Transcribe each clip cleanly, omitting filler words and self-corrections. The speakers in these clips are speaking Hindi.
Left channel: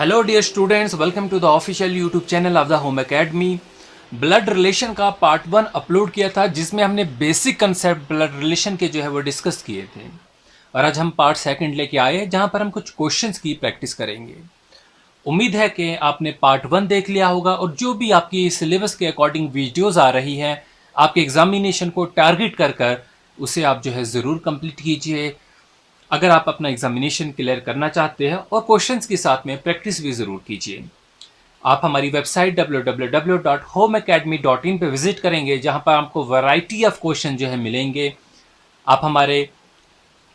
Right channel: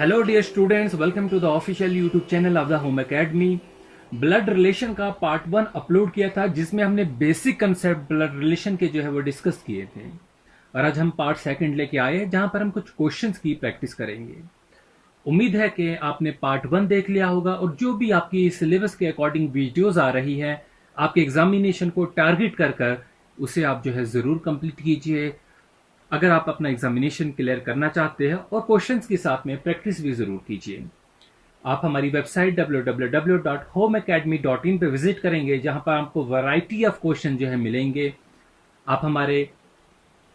Hello dear students, welcome to the official YouTube channel of the home academy. Blood relation का पार्ट 1 अपलोड किया था जिसमें हमने बेसिक कंसेप्ट ब्लड रिलेशन के जो है वो डिस्कस किए थे। और आज हम पार्ट 2 लेके आए हैं जहां पर हम कुछ क्वेश्चंस की प्रैक्टिस करेंगे। उम्मीद है कि आपने पार्ट 1 देख लिया होगा और जो भी आपकी सिलेबस के अकॉर्डिंग वीडियोस आ रही है आपके एग्जामिनेशन को टारगेट कर कर उसे आप जो है ज़रूर कंप्लीट कीजिए अगर आप अपना एग्जामिनेशन क्लियर करना चाहते हैं, और क्वेश्चंस के साथ में प्रैक्टिस भी ज़रूर कीजिए। आप हमारी वेबसाइट www.homeacademy.in पे विजिट करेंगे जहां पर आपको वैरायटी ऑफ क्वेश्चन जो है मिलेंगे। आप हमारे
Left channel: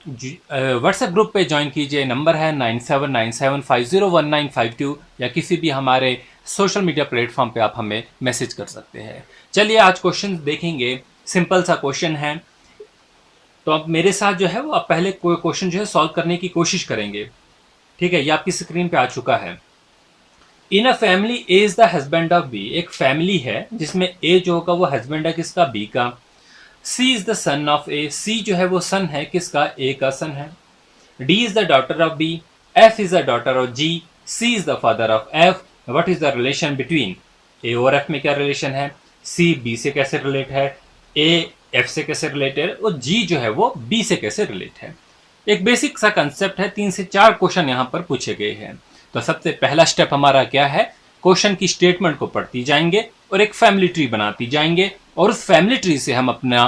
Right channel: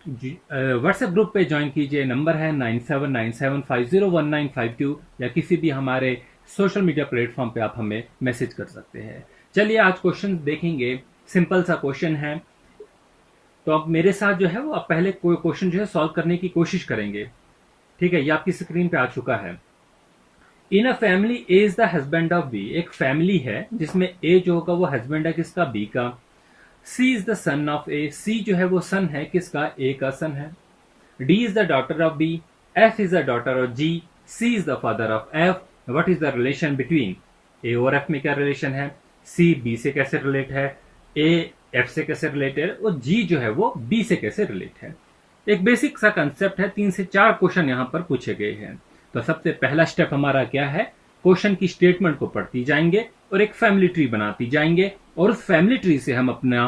व्हाट्सएप ग्रुप पे ज्वाइन कीजिए। नंबर है 9797501952 या किसी भी हमारे सोशल मीडिया प्लेटफॉर्म पे आप हमें मैसेज कर सकते हैं। चलिए आज क्वेश्चन देखेंगे। सिंपल सा क्वेश्चन है, तो अब मेरे साथ जो है वो आप पहले कोई क्वेश्चन जो है सॉल्व करने की कोशिश करेंगे। ठीक है, ये आपकी स्क्रीन पे आ चुका है। In a family A is the husband of B. एक फैमिली है जिसमें ए जो होगा वो हस्बैंड है किसका, बी का। सी is the son of A. C जो है वो सन है किसका, ए का सन है। D is the daughter of B. F is the daughter of G. C is the father of F. What is the relation between A और एफ में क्या रिलेशन है, सी बी से कैसे रिलेट है, ए एफ से कैसे रिलेट है, और जी जो है वो बी से कैसे रिलेट है। एक बेसिक सा कंसेप्ट है। 3 से 4 क्वेश्चन यहां पर पूछे गए हैं। तो सबसे पहला स्टेप हमारा क्या है, क्वेश्चन की स्टेटमेंट को पढ़ती जाएंगे और एक फैमिली ट्री बनाती जाएंगे और उस फैमिली ट्री से हम अपना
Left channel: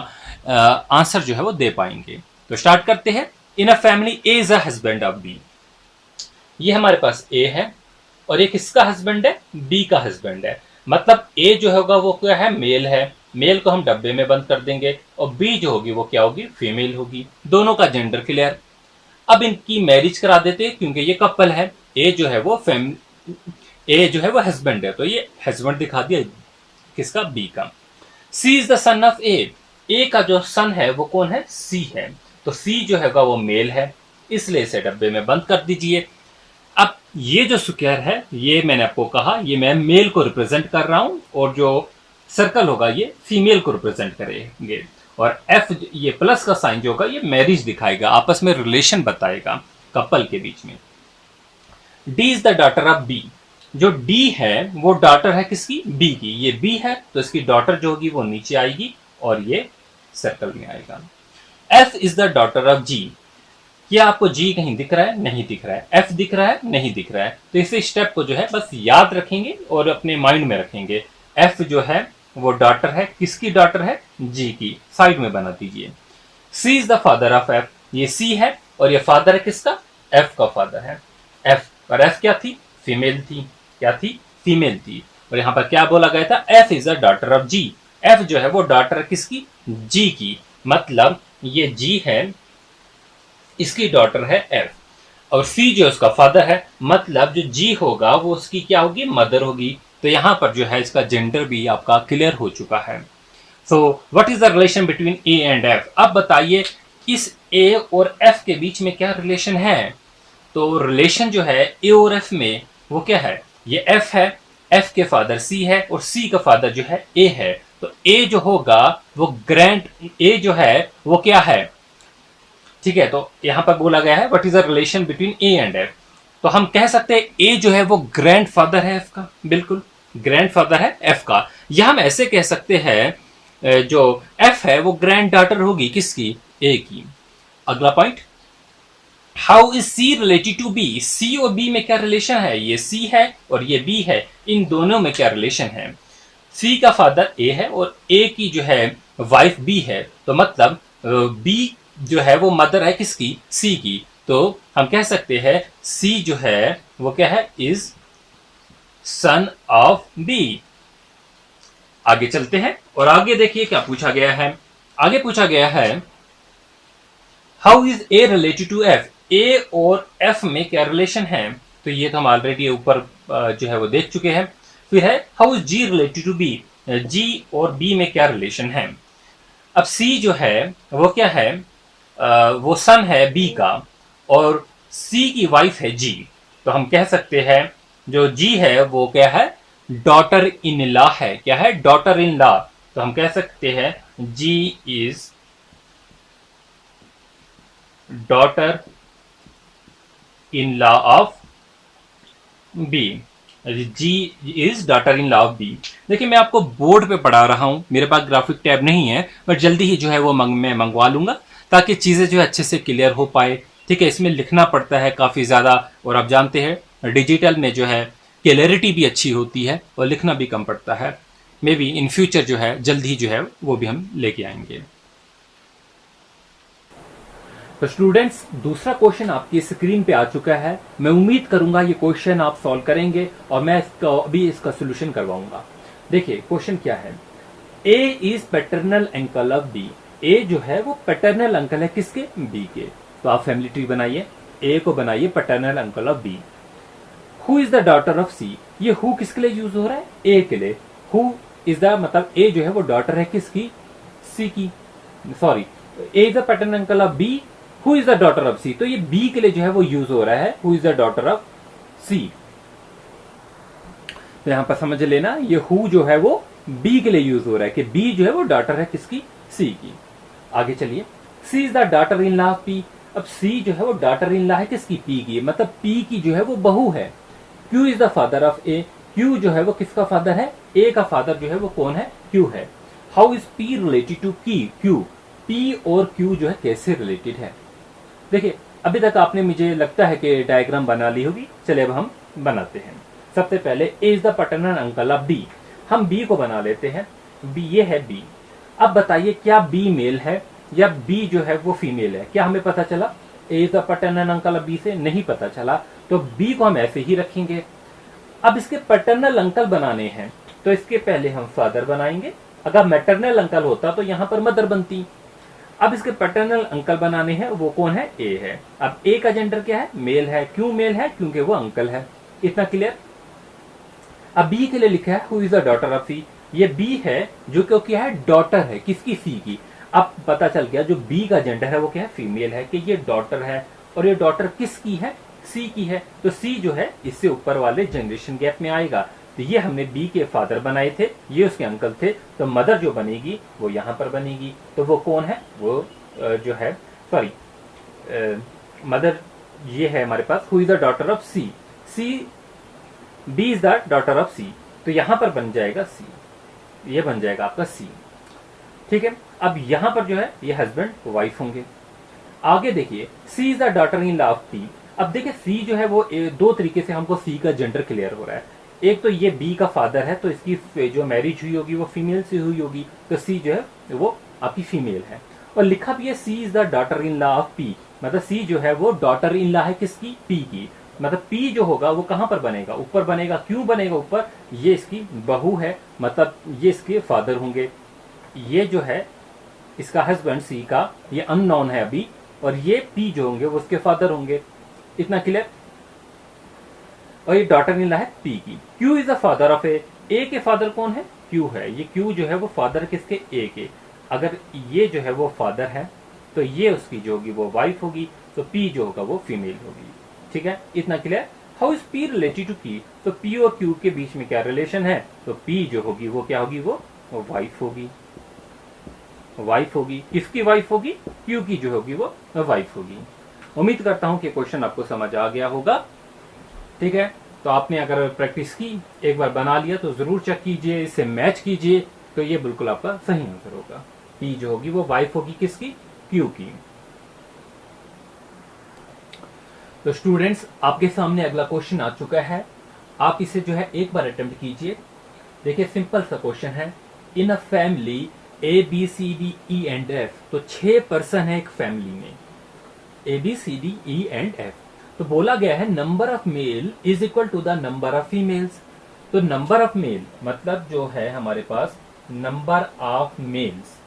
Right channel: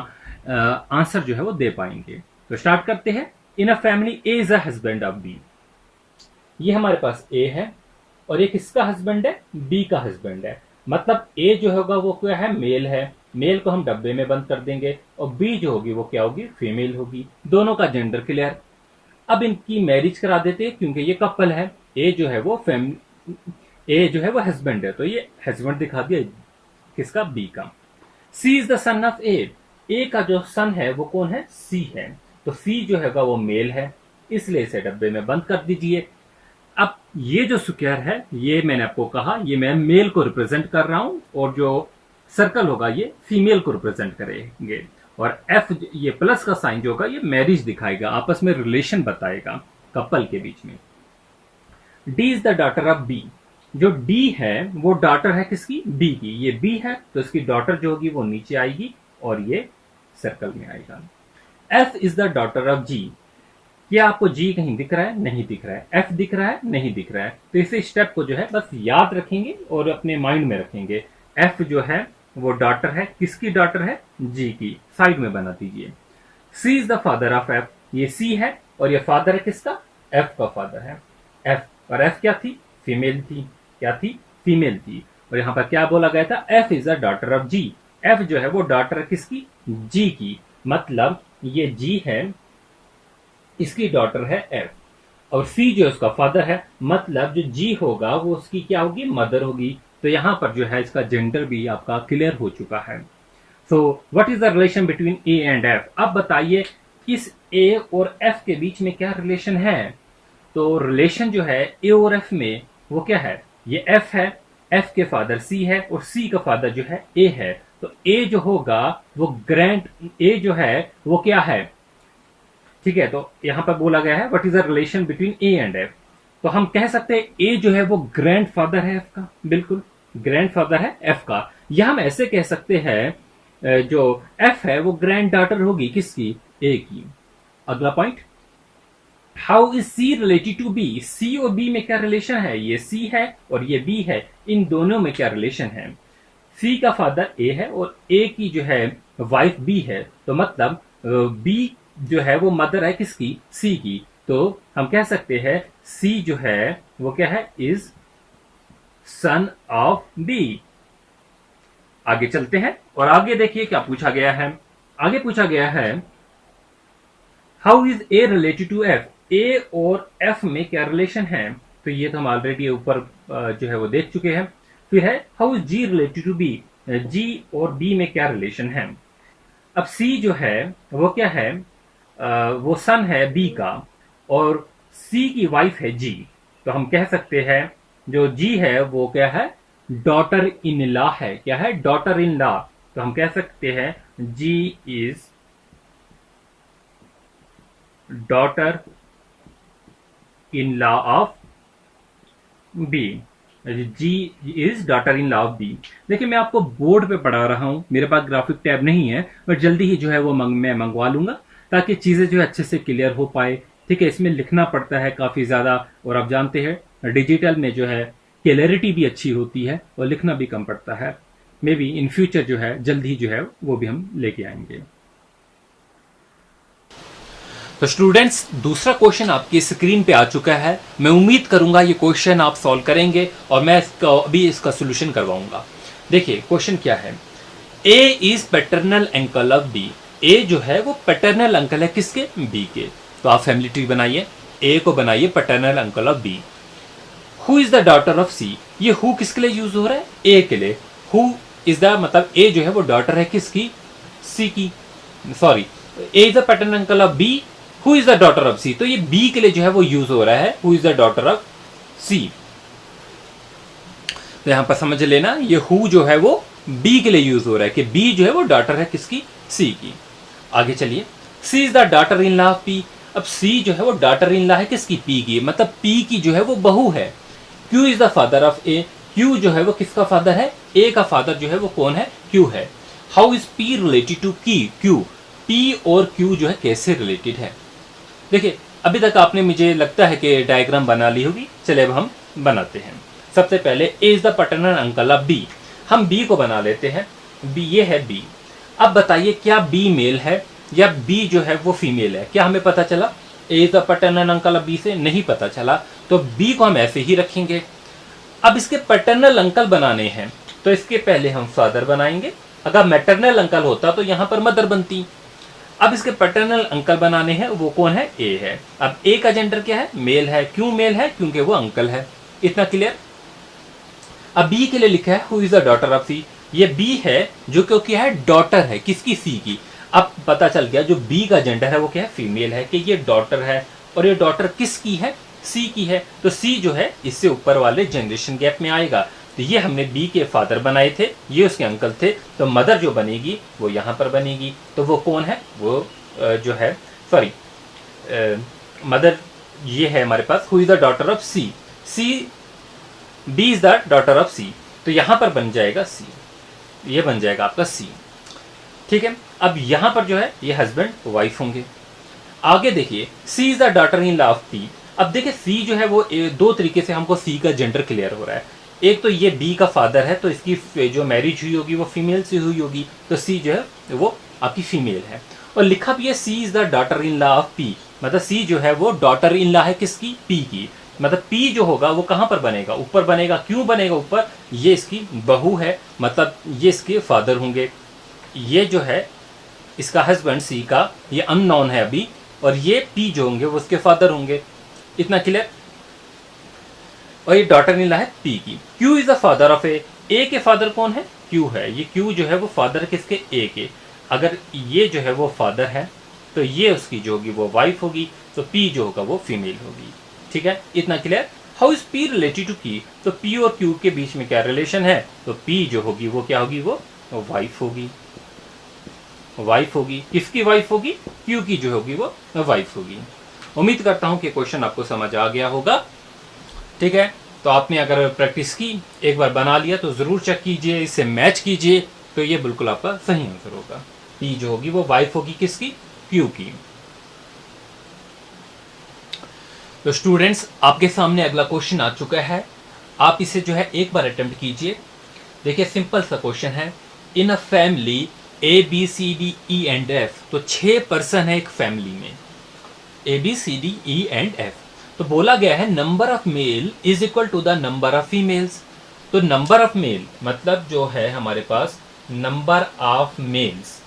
आंसर जो है वो दे पाएंगे। तो स्टार्ट करते हैं। In a family A is a husband of B. ये हमारे पास ए है और एक इसका हस्बैंड है, बी का हस्बैंड है। मतलब ए जो होगा वो क्या है, मेल है। मेल को हम डब्बे में बंद कर देंगे और बी जो होगी वो क्या होगी, फीमेल होगी। दोनों का जेंडर क्लियर। अब इनकी मैरिज करा देते हैं क्योंकि ये कपल है। ए जो है वो ए जो है वो हस्बैंड है, तो ये हस्बैंड दिखा दिया किसका, बी का। सी is the son of A. ए का जो सन है वो कौन है, सी है। तो सी जो है वो मेल है, इसलिए इसे डब्बे में बंद कर दीजिए। अब ये जो स्क्वायर है, ये मैंने आपको कहा ये मैं मेल को रिप्रेजेंट कर रहा हूं और जो सर्कल होगा ये फीमेल को रिप्रेजेंट करेंगे। और एफ ये प्लस का साइन जो होगा ये मैरिज दिखाएगा, आपस में रिलेशन बताएगा कपल के बीच में। D is the daughter of B. जो डी है वो डॉटर है किसकी, बी की। ये बी है तो इसकी डॉटर जो होगी वो नीचे आएगी और ये सर्कल में आएगा। F is the daughter of G. क्या आपको जी कहीं दिख रहा है, नहीं दिख रहा है। एफ दिख रहा है, नहीं दिख रहा है। तो इस स्टेप को जो है बस याद रखेंगे और अपने माइंड में रखेंगे। एफ जो है वो डॉटर है, किसकी डॉटर है, जी की। साइड में बना दीजिए। C is the father of F. ये सी है और ये फादर है किसका, एफ का फादर है। एफ और एफ क्या थी, फीमेल थी। क्या थी, फीमेल थी। और यहां पर क्या बोला गया था, F is the daughter of G. F जो है वो डॉटर है किसकी, जी की। मतलब ये जी है, इसकी डॉटर है एफ, और सी जो उसका फादर है। मतलब जो जी होगा वो उसकी क्या होगी, मदर होगी। तो यहां पर जो है इसका जेंडर भी आपका क्लियर हो चुका है। So what is the relation between A and F. अब बताइए इस ए और एफ के बीच में क्या रिलेशन है। तो रिलेशन जो है ए और एफ में वो क्या है, ये एफ है, एफ के फादर सी है और सी का फादर जो है ए है। तो ए जो होगा वो ग्रैंड, ए जो है वो क्या है, ठीक है। तो यहां पर बोला गया है what is the relation between A and F. तो हम कह सकते हैं ए जो है वो ग्रैंड फादर है एफ का, बिल्कुल ग्रैंड फादर है एफ का। या हम ऐसे कह सकते हैं जो एफ है वो ग्रैंड डॉटर होगी किसकी, ए की। अगला point, how is C related to B. C और बी में क्या रिलेशन है, ये सी है और ये बी है, इन दोनों में क्या रिलेशन है। सी का फादर ए है और ए की जो है वाइफ बी है। तो मतलब बी जो है वो मदर है किसकी, सी की। तो हम कह सकते हैं सी जो है वो क्या है, इज सन ऑफ बी। आगे चलते हैं और आगे देखिए क्या पूछा गया है। आगे पूछा गया है how is A related to F. A और एफ में क्या रिलेशन है। तो ये तो हम ऑलरेडी ऊपर जो है वो देख चुके हैं। फिर है how is G related to B. G और बी में क्या रिलेशन है। अब सी जो है वो क्या है, वो सन है बी का और सी की वाइफ है जी। तो हम कह सकते हैं जो जी है वो क्या है, डॉटर इन लॉ है। क्या है, डॉटर इन लॉ। तो हम कह सकते हैं G is daughter in law of B, G is daughter in law of B. देखिए मैं आपको बोर्ड पे पढ़ा रहा हूँ, मेरे पास ग्राफिक टैब नहीं है, बट जल्दी ही जो है वो मैं मंगवा लूंगा ताकि चीज़ें जो है अच्छे से क्लियर हो पाए। ठीक है, इसमें लिखना पड़ता है काफ़ी ज़्यादा, और आप जानते हैं डिजिटल में जो है क्लियरिटी भी अच्छी होती है और लिखना भी कम पड़ता है। मे बी इन फ्यूचर जो है जल्द ही जो है वो भी हम लेके आएंगे। तो स्टूडेंट्स दूसरा क्वेश्चन आपकी स्क्रीन पे आ चुका है। मैं उम्मीद करूंगा ये क्वेश्चन आप सॉल्व करेंगे और मैं अभी इसका सोल्यूशन करवाऊंगा। देखिए क्वेश्चन क्या है, A is paternal uncle of B. A जो है वो पैटर्नल अंकल है किसके, बी के। तो आप फैमिली ट्री बनाइए, ए को बनाइए paternal uncle of B. Who is the daughter of C, ये हु किसके लिए यूज हो रहा है, ए के लिए। हु इज द मतलब ए जो है वो डॉटर है किसकी, सी की, sorry A is the paternal uncle of B, who is the daughter of C. तो ये बी के लिए जो है वो यूज हो रहा है, who is the daughter of C. तो यहां पर समझ लेना ये हु जो है वो बी के लिए यूज हो रहा है कि बी जो है वो डॉटर है किसकी, सी की। आगे चलिए, C is the daughter in law of P. अब सी जो है वो डॉटर इन लॉ है किसकी, पी की, मतलब पी की जो है वो बहू है। Q is the father of A. Q जो है वो किसका फादर है, ए का फादर जो है वो कौन है, क्यू है। How is P related to की, क्यू। पी और क्यू जो है कैसे रिलेटेड है। देखिए अभी तक आपने मुझे लगता है कि डायग्राम बना ली होगी, चले अब हम बनाते हैं। सबसे पहले A is the paternal uncle of B, हम बी को बना लेते हैं। बी, ये है बी। अब बताइए क्या बी मेल है या बी जो है वो फीमेल है, क्या हमें पता चला, A is the paternal uncle of B से नहीं पता चला, तो बी को हम ऐसे ही रखेंगे। अब इसके पैटर्नल अंकल बनाने हैं तो इसके पहले हम फादर बनाएंगे, अगर मैटरनल अंकल होता तो यहां पर मदर बनती। अब इसके पैटर्नल अंकल बनाने हैं, वो कौन है, ए है। अब ए का जेंडर क्या है, मेल है। क्यों मेल है, क्योंकि वो अंकल है। इतना क्लियर। अब बी के लिए लिखा है who is the daughter of C, ये बी है जो क्यों क्या है, डॉटर है किसकी, सी की। अब पता चल गया जो बी का जेंडर है वो क्या है, फीमेल है, कि ये डॉटर है, और ये डॉटर किसकी है, सी की है। तो सी जो है इससे ऊपर वाले जनरेशन गैप में आएगा। तो ये हमने बी के फादर बनाए थे, ये उसके अंकल थे, तो मदर जो बनेगी वो यहाँ पर बनेगी। तो वो कौन है, वो जो है, सॉरी मदर ये है हमारे पास, who is the daughter of C. C, B is the daughter of C, तो यहां पर बन जाएगा सी, ये बन जाएगा आपका सी। ठीक है, अब यहां पर जो है ये हस्बैंड वाइफ होंगे। आगे देखिए, C is the daughter in law of P. अब देखिए सी जो है वो दो तरीके से हमको सी का जेंडर क्लियर हो रहा है। एक तो ये बी का फादर है, तो इसकी जो मैरिज हुई होगी वो फीमेल से हुई होगी, तो सी जो है वो आपकी फीमेल है। और लिखा भी है C is the daughter in law of P, मतलब सी जो है वो डॉटर इन लॉ है किसकी, पी की। मतलब पी जो होगा वो कहां पर बनेगा, ऊपर बनेगा। क्यों बनेगा ऊपर, ये इसकी बहू है, मतलब ये इसके फादर होंगे। ये जो है इसका हस्बैंड सी का, ये अननोन है अभी, और ये पी जो होंगे वो उसके फादर होंगे। इतना क्लियर। और ये डॉटर इन लॉ है पी की। Q is the father of A, A के फादर कौन है, क्यू है। ये क्यू जो है वो फादर किसके, ए के। अगर ये जो है वो फादर है तो ये उसकी जो होगी वो वाइफ होगी, तो पी जो होगा वो फीमेल होगी। ठीक है, इतना clear. How is P related to की, तो पी और क्यू के बीच में क्या रिलेशन है, तो पी जो होगी वो क्या होगी, वो वाइफ होगी। वाइफ होगी, किसकी वाइफ होगी, क्यू की जो होगी वो वाइफ होगी। उम्मीद करता हूं कि क्वेश्चन आपको समझ आ गया होगा। ठीक है, तो आपने अगर प्रैक्टिस की, एक बार बना लिया तो जरूर चेक कीजिए, इससे मैच कीजिए, तो ये बिल्कुल आपका सही आंसर होगा। पी जो होगी वो वाइफ होगी किसकी, क्यू की। तो स्टूडेंट्स आपके सामने अगला क्वेश्चन आ चुका है, आप इसे जो है एक बार अटेम्प्ट कीजिए। देखिए सिंपल सा क्वेश्चन है, in a family A B C D E and F, तो 6 पर्सन है एक फैमिली में, A B C D E and F. तो बोला गया है number of male is equal to the number of females. तो नंबर ऑफ मेल मतलब जो है हमारे पास नंबर ऑफ मेल्स,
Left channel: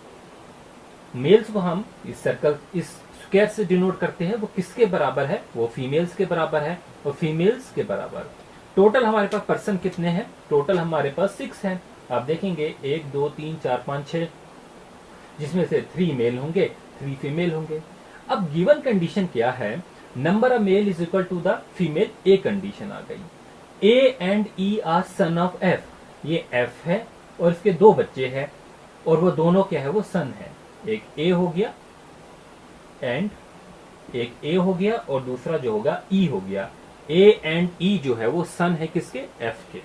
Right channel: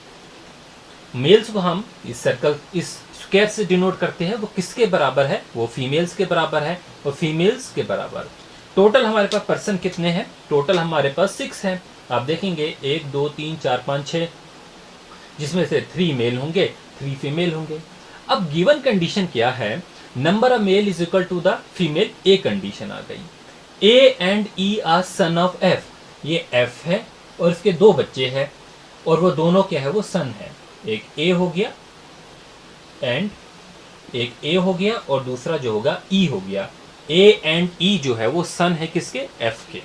मेल्स को हम इस सर्कल, इस स्क्वायर से डिनोट करते हैं, वो किसके बराबर है, वो फीमेल्स के बराबर है, और फीमेल्स के बराबर। टोटल हमारे पास पर्सन कितने हैं, टोटल हमारे पास 6 हैं। आप देखेंगे 1 2 3 4 5 6, जिसमें से 3 मेल होंगे 3 फीमेल होंगे। अब गिवन कंडीशन क्या है, number of male is equal to the female, a condition आ गई। A and E are son of F, ये एफ है और इसके 2 बच्चे हैं, और वो दोनों क्या है, वो सन है। एक ए हो गया एंड एक ए हो गया और दूसरा जो होगा ई हो गया। ए एंड ई जो है वो सन है किसके, एफ के।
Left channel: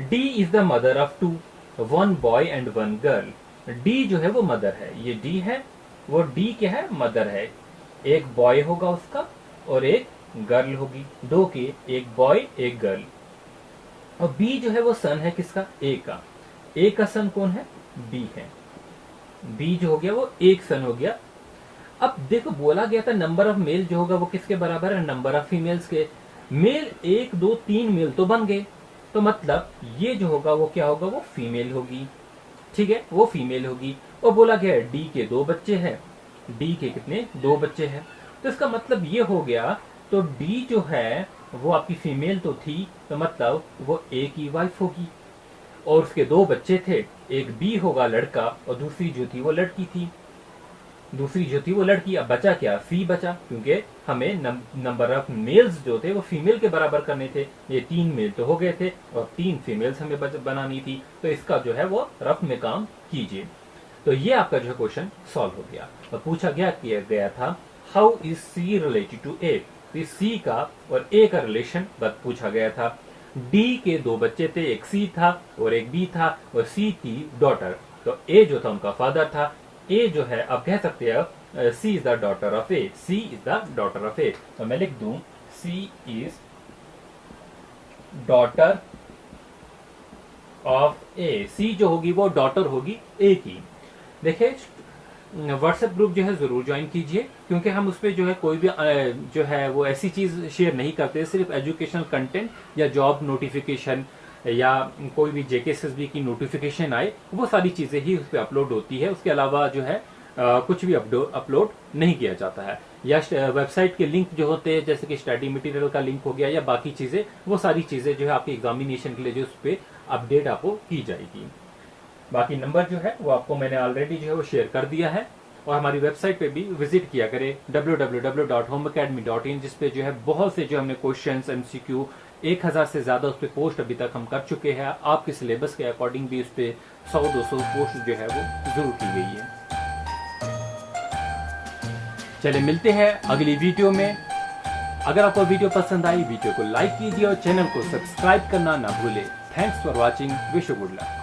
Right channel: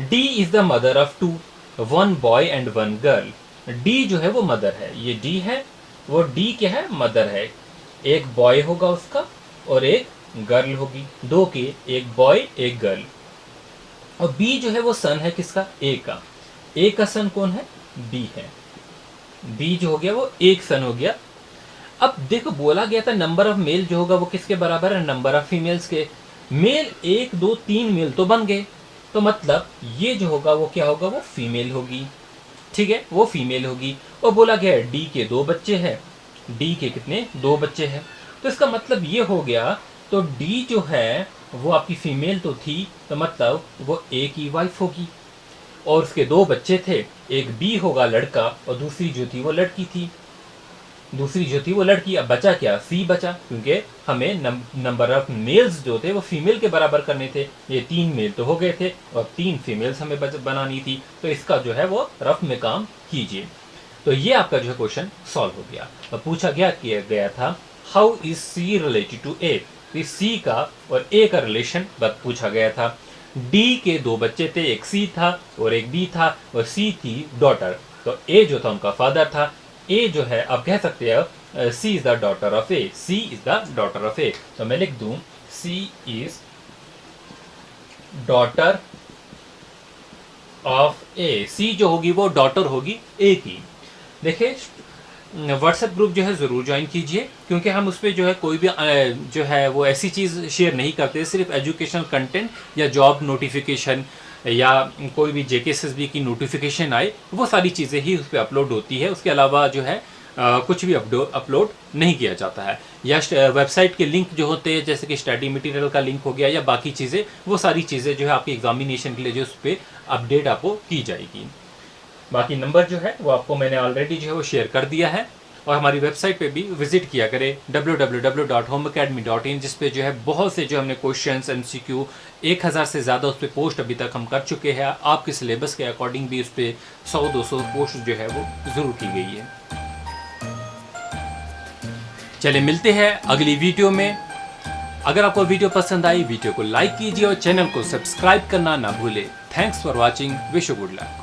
D is the mother of two, one boy and one girl. D जो है वो मदर है, ये डी है, वो डी क्या है, मदर है। एक बॉय होगा उसका और एक गर्ल होगी, दो के, एक बॉय एक गर्ल। और बी जो है वो सन है किसका, ए का। ए का सन कौन है, बी है। बी जो हो गया वो एक सन हो गया। अब देखो बोला गया था नंबर ऑफ मेल जो होगा वो किसके बराबर है, नंबर ऑफ फीमेल्स के। मेल 1 2 3 मेल तो बन गए, तो मतलब ये जो होगा वो क्या होगा, वो फीमेल होगी। ठीक है, वो फीमेल होगी। और बोला गया है डी के 2 बच्चे हैं, डी के कितने, 2 बच्चे हैं। तो इसका मतलब ये हो गया, तो डी जो है वो आपकी फीमेल तो थी, तो मतलब वो ए की वाइफ होगी। और उसके 2 बच्चे थे, एक बी होगा लड़का और दूसरी जो थी वो लड़की थी, दूसरी जो थी वो लड़की। अब बचा क्या, सी बचा, क्योंकि हमें नंबर ऑफ मेल्स जो थे वो फीमेल के बराबर करने थे। ये 3 मेल तो हो गए थे और 3 फीमेल्स हमें बनानी थी, तो इसका जो है वो रफ में काम कीजिए। तो ये आपका जो है क्वेश्चन सॉल्व हो गया। और पूछा किया गया था how is C related to A, C का और ए का रिलेशन पूछा गया था। डी के 2 बच्चे थे, एक सी था और एक बी था, और सी थी डॉटर, तो ए जो था उनका फादर था। ए जो है आप कह सकते हैं C is the daughter of A, C is the daughter of A. तो मैं लिख दूं C is daughter of A. C जो होगी वो डॉटर होगी ए की। देखिए व्हाट्सएप ग्रुप जो है ज़रूर ज्वाइन कीजिए, क्योंकि हम उस पर जो है कोई भी जो है वो ऐसी चीज़ शेयर नहीं करते, सिर्फ एजुकेशनल कंटेंट या जॉब नोटिफिकेशन या कोई भी जेकेएसएसबी की नोटिफिकेशन आए, वो सारी चीज़ें ही उस पर अपलोड होती है। उसके अलावा जो है कुछ भी अपलोड नहीं किया जाता है। या वेबसाइट के लिंक जो होते हैं, जैसे कि स्टडी मटेरियल का लिंक हो गया या बाकी चीज़ें, वो सारी चीज़ें जो है आपकी एग्जामिनेशन के लिए जो उस पर अपडेट आपको की जाएगी। बाकी नंबर जो है वो आपको मैंने ऑलरेडी जो है वो शेयर कर दिया है। और हमारी वेबसाइट पे भी विजिट किया करें www.homeacademy.in, जिस पे जो है बहुत से जो हमने क्वेश्चंस MCQ 1000 से ज़्यादा उस पर पोस्ट अभी तक हम कर चुके हैं। आपके सिलेबस के अकॉर्डिंग भी उस पर 100-200 पोस्ट जो है वो ज़रूर की गई है। चलिए मिलते हैं अगली वीडियो में। अगर आपको वीडियो पसंद आई, वीडियो को लाइक कीजिए और चैनल को सब्सक्राइब करना ना भूले। Thanks for watching, wish you good luck.